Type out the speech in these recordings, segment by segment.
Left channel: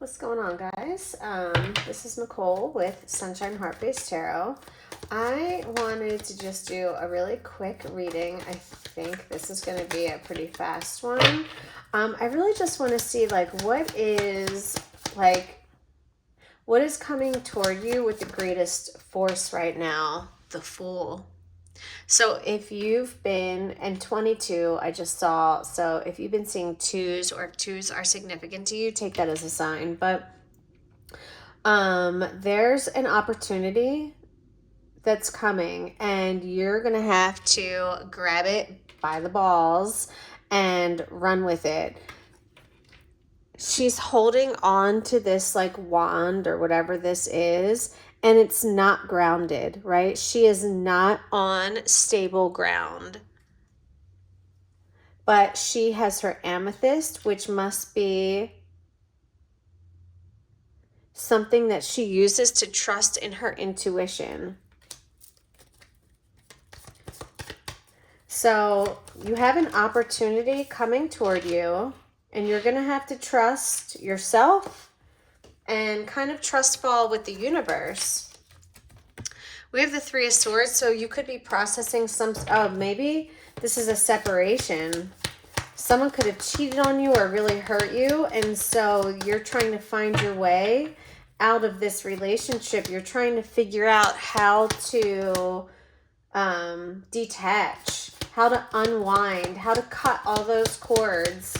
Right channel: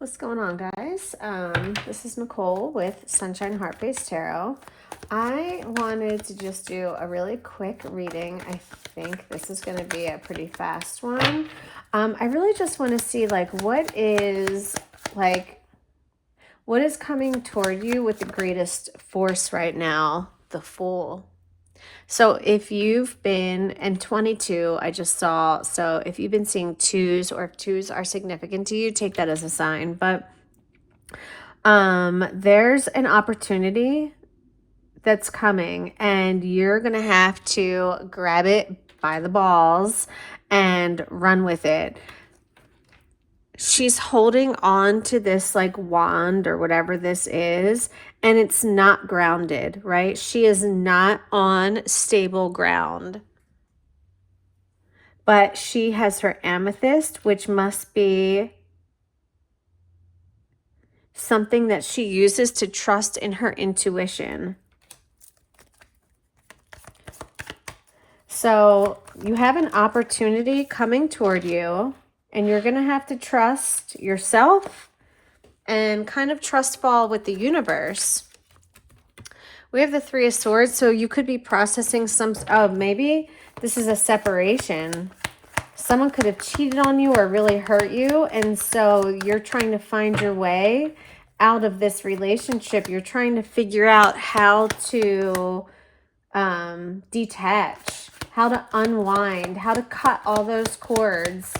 What's going on, guys? This is Nicole with Sunshine Heart Based Tarot. I wanted to just do a really quick reading. I think this is going to be a pretty fast one. I really just want to see what is coming toward you with the greatest force right now. The Fool. So if you've been in 22, I just saw, so if you've been seeing twos, or if twos are significant to you, take that as a sign. But there's an opportunity that's coming, and you're going to have to grab it by the balls and run with it. She's holding on to this wand or whatever this is, and it's not grounded, right? She is not on stable ground. But she has her amethyst, which must be something that she uses to trust in her intuition. So you have an opportunity coming toward you, and you're going to have to trust yourself and kind of trust fall with the universe. We have the Three of Swords, so you could be processing maybe this is a separation. Someone could have cheated on you or really hurt you, and so you're trying to find your way out of this relationship. You're trying to figure out how to detach, how to unwind, how to cut all those cords.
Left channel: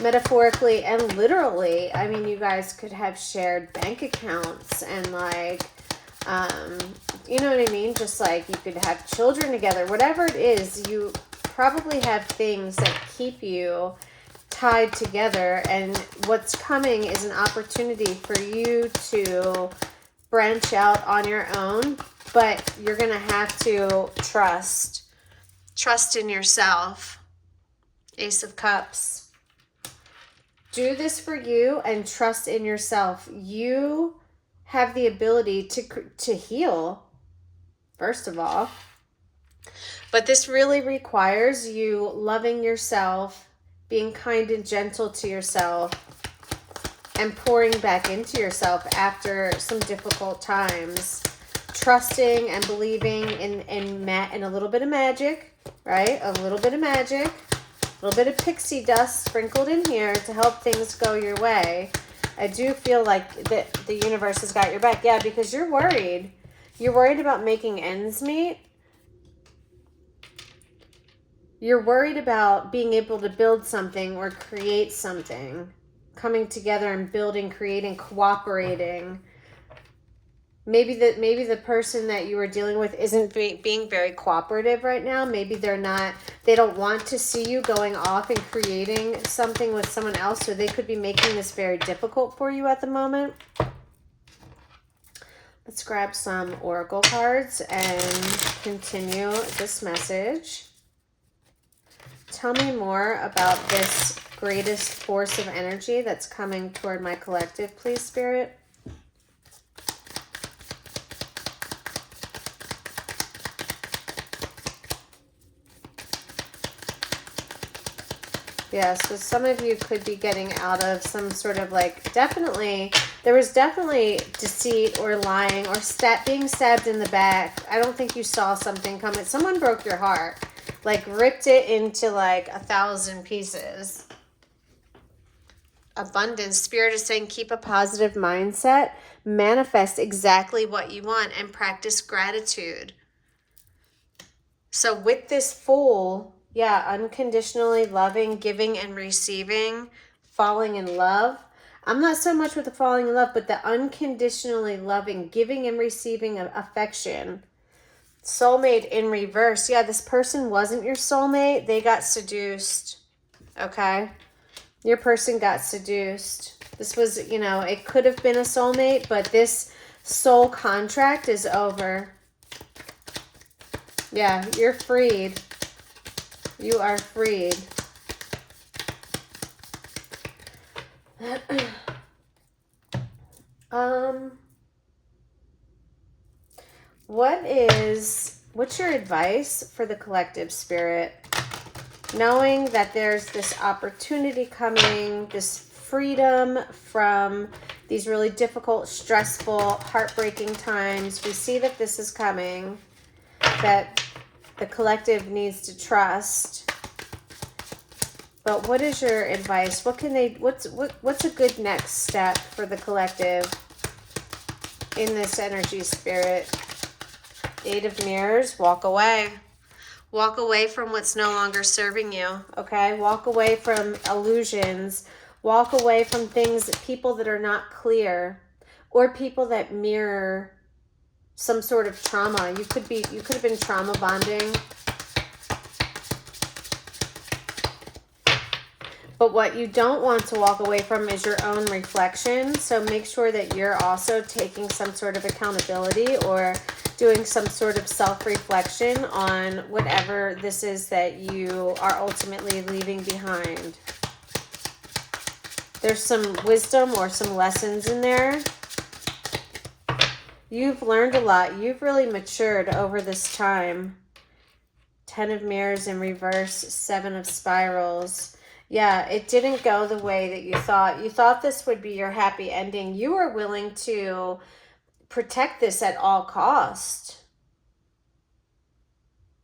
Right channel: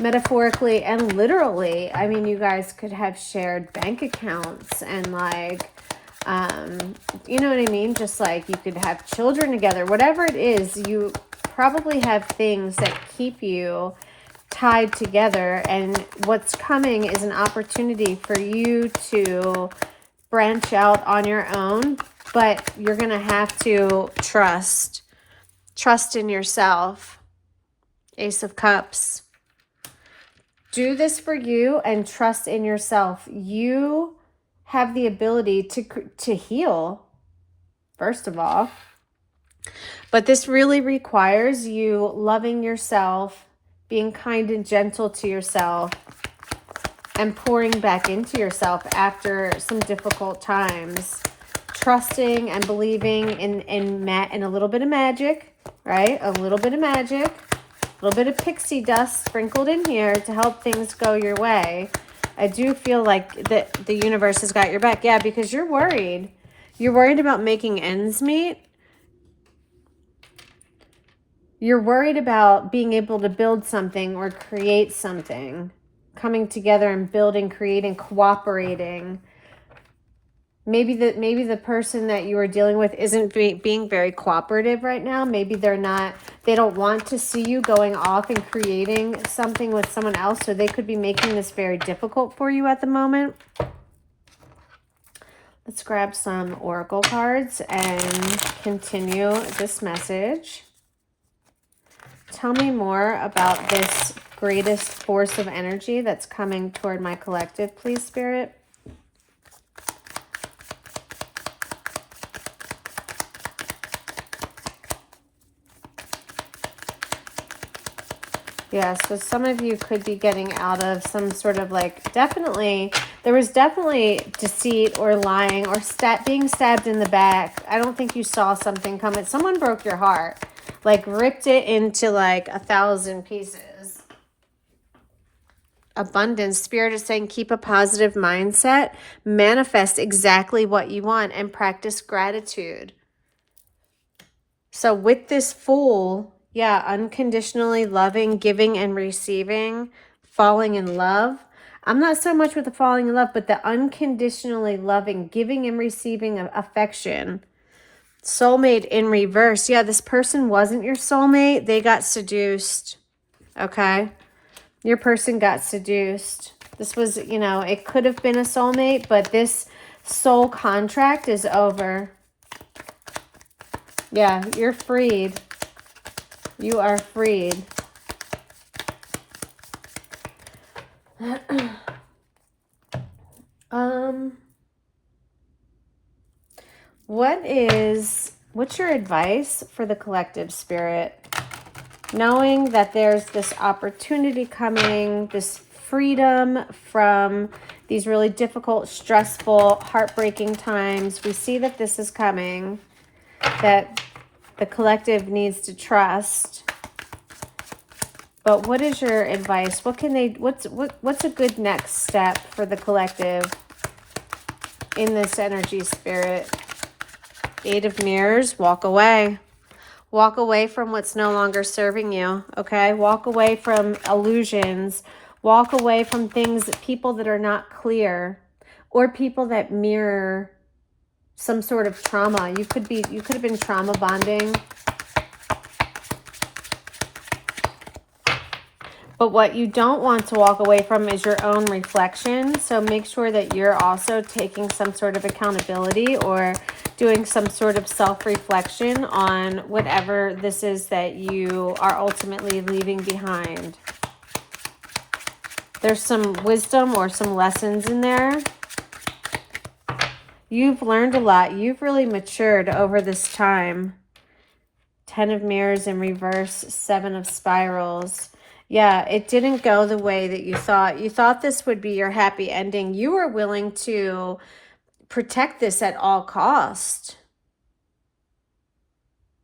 Metaphorically and literally. I mean, you guys could have shared bank accounts and you know what I mean? Just you could have children together. Whatever it is, you probably have things that keep you tied together. And what's coming is an opportunity for you to branch out on your own. But you're going to have to trust in yourself. Ace of Cups. Do this for you and trust in yourself. You have the ability to heal, first of all. But this really requires you loving yourself, being kind and gentle to yourself, and pouring back into yourself after some difficult times. Trusting and believing in a little bit of magic, right? A little bit of magic. A little bit of pixie dust sprinkled in here to help things go your way. I do feel like that the universe has got your back. Yeah, because you're worried. You're worried about making ends meet. You're worried about being able to build something or create something. Coming together and building, creating, cooperating. Maybe the person that you are dealing with isn't being very cooperative right now. Maybe they don't want to see you going off and creating something with someone else. So they could be making this very difficult for you at the moment. Let's grab some oracle cards and continue this message. Tell me more about this greatest force of energy that's coming toward my collective, please, Spirit. Yeah, so some of you could be getting out of some sort of there was definitely deceit or lying or being stabbed in the back. I don't think you saw something coming. Someone broke your heart, ripped it into 1,000 pieces. Abundance. Spirit is saying keep a positive mindset, manifest exactly what you want, and practice gratitude. So with this Fool, yeah, unconditionally loving, giving and receiving, falling in love. I'm not so much with the falling in love, but the unconditionally loving, giving and receiving of affection. Soulmate in reverse. Yeah, this person wasn't your soulmate. They got seduced. Okay? Your person got seduced. This was, it could have been a soulmate, but this soul contract is over. Yeah, you're freed. You are freed. What's your advice for the collective, Spirit? Knowing that there's this opportunity coming, this freedom from these really difficult, stressful, heartbreaking times. We see that this is coming, that the collective needs to trust. But what is your advice? What can they, what's a good next step for the collective in this energy, Spirit? Eight of Mirrors, walk away. Walk away from what's no longer serving you, okay? Walk away from illusions. Walk away from things, people that are not clear, or people that mirror some sort of trauma. You could have been trauma bonding. But what you don't want to walk away from is your own reflection. So make sure that you're also taking some sort of accountability or doing some sort of self-reflection on whatever this is that you are ultimately leaving behind. There's some wisdom or some lessons in there. You've learned a lot. You've really matured over this time. 10 of Mirrors in reverse, 7 of Spirals. Yeah, it didn't go the way that you thought. You thought this would be your happy ending. You were willing to protect this at all cost.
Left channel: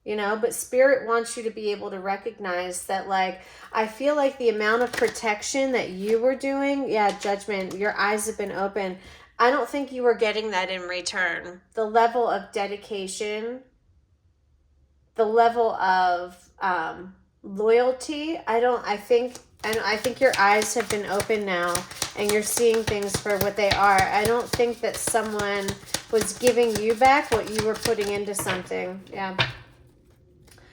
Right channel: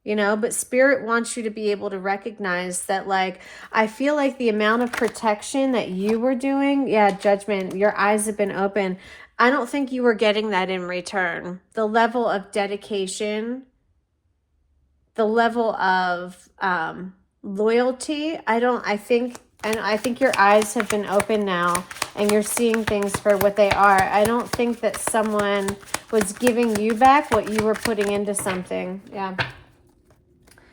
You know, but Spirit wants you to be able to recognize that, like, I feel like the amount of protection that you were doing, yeah, Judgment, your eyes have been open. I don't think you were getting that in return. The level of dedication, the level of loyalty, I think your eyes have been open now and you're seeing things for what they are. I don't think that someone was giving you back what you were putting into something. Yeah.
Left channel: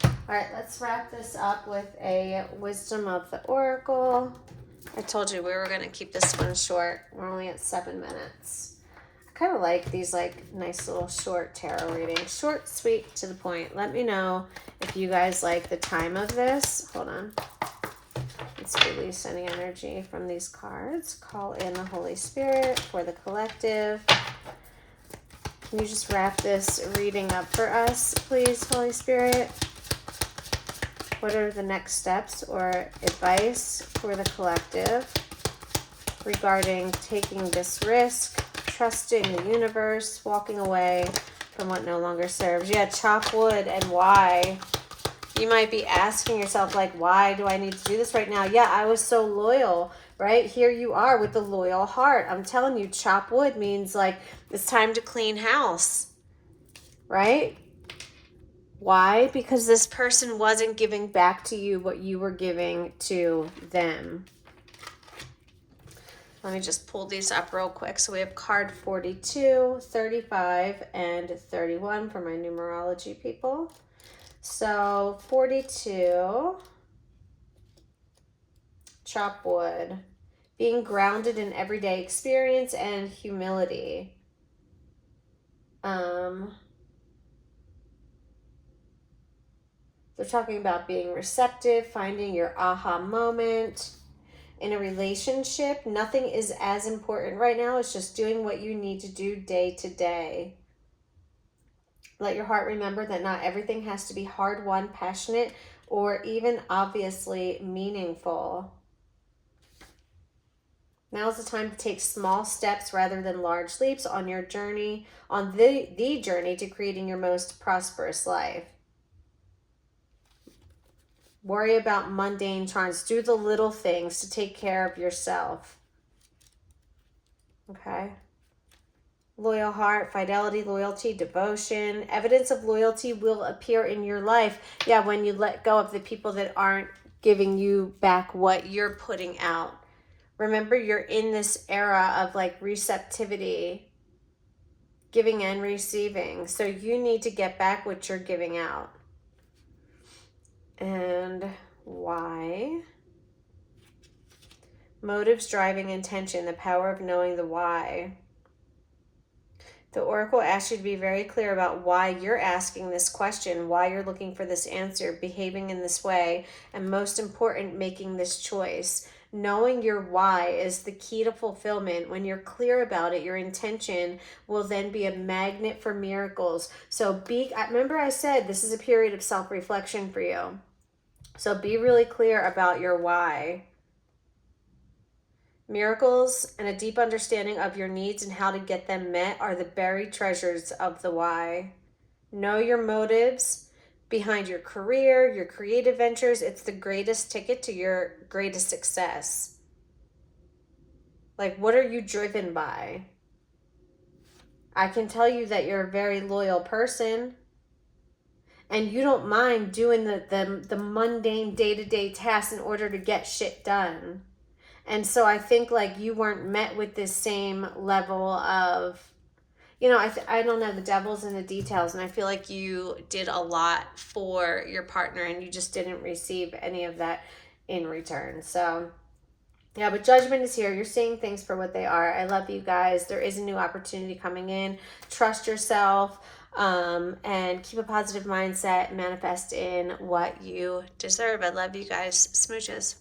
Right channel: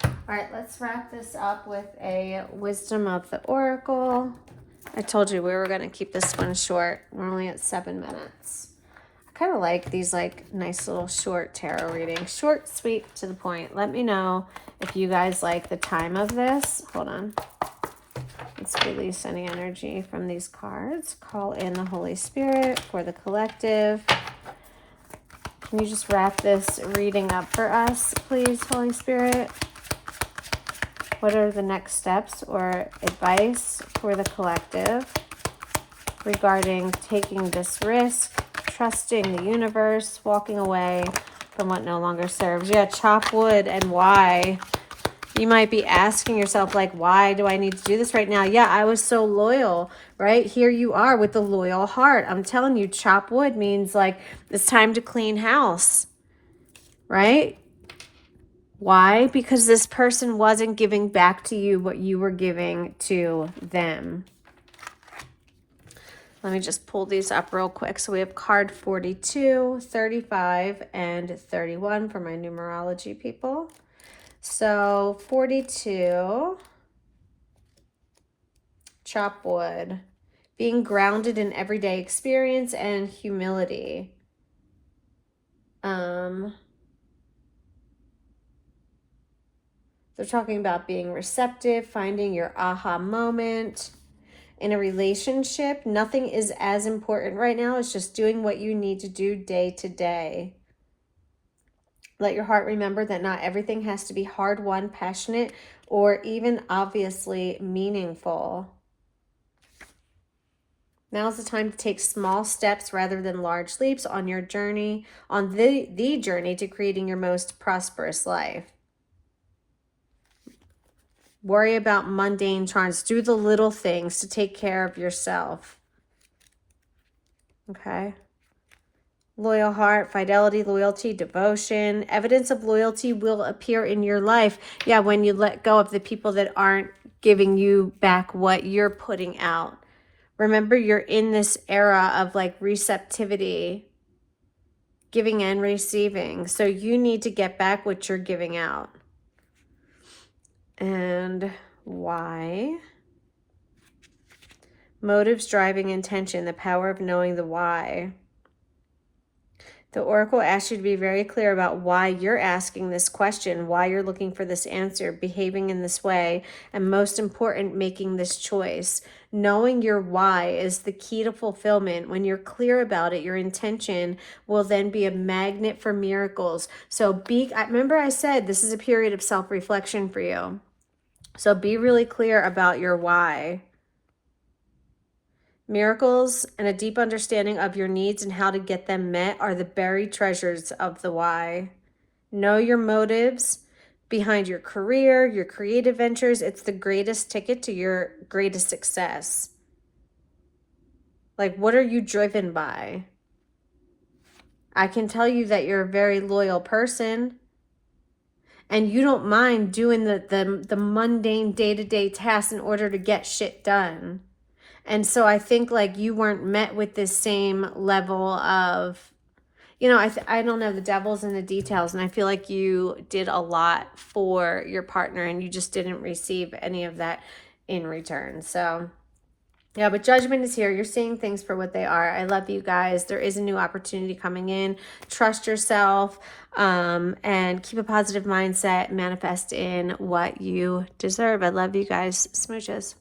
All right, let's wrap this up with a Wisdom of the Oracle. I told you we were going to keep this one short. We're only at 7 minutes. I kind of like these like nice little short tarot readings. Short, sweet, to the point. Let me know if you guys like the time of this. Hold on. Let's release any energy from these cards. Call in the Holy Spirit for the collective. Can you just wrap this reading up for us, please, Holy Spirit? What are the next steps or advice for the collective regarding taking this risk, trusting the universe, walking away from what no longer serves? Yeah, chop wood. And why? You might be asking yourself, like, why do I need to do this right now? Yeah, I was so loyal, right? Here you are with a loyal heart. I'm telling you, chop wood means like it's time to clean house, right? Why? Because this person wasn't giving back to you what you were giving to them. Let me just pull these up real quick. So we have card 42, 35, and 31 for my numerology people. So 42, chop wood, being grounded in everyday experience and humility. They're talking about being receptive, finding your aha moment. In a relationship, nothing is as important right now. It's just doing what you need to do day to day. Let your heart remember that not everything has to be hard-won, passionate, or even obviously meaningful. Now's the time to take small steps rather than large leaps on your journey, on the journey to creating your most prosperous life. Worry about mundane charms. Do the little things to take care of yourself. Okay. Loyal heart, fidelity, loyalty, devotion. Evidence of loyalty will appear in your life. Yeah, when you let go of the people that aren't giving you back what you're putting out. Remember, you're in this era of like receptivity, giving and receiving. So you need to get back what you're giving out. And why? Motives, driving intention, the power of knowing the why. The Oracle asks you to be very clear about why you're asking this question, why you're looking for this answer, behaving in this way, and most important, making this choice. Knowing your why is the key to fulfillment. When you're clear about it, your intention will then be a magnet for miracles. So remember I said this is a period of self-reflection for you. So be really clear about your why. Miracles and a deep understanding of your needs and how to get them met are the buried treasures of the why. Know your motives behind your career, your creative ventures. It's the greatest ticket to your greatest success. Like, what are you driven by? I can tell you that you're a very loyal person and you don't mind doing the mundane day-to-day tasks in order to get shit done. And so I think like you weren't met with this same level of, you know, I don't know, the devil's in the details, and I feel like you did a lot for your partner and you just didn't receive any of that in return. So yeah, but judgment is here. You're seeing things for what they are. I love you guys. There is a new opportunity coming in. Trust yourself, and keep a positive mindset. Manifest in what you deserve. I love you guys. Smooches.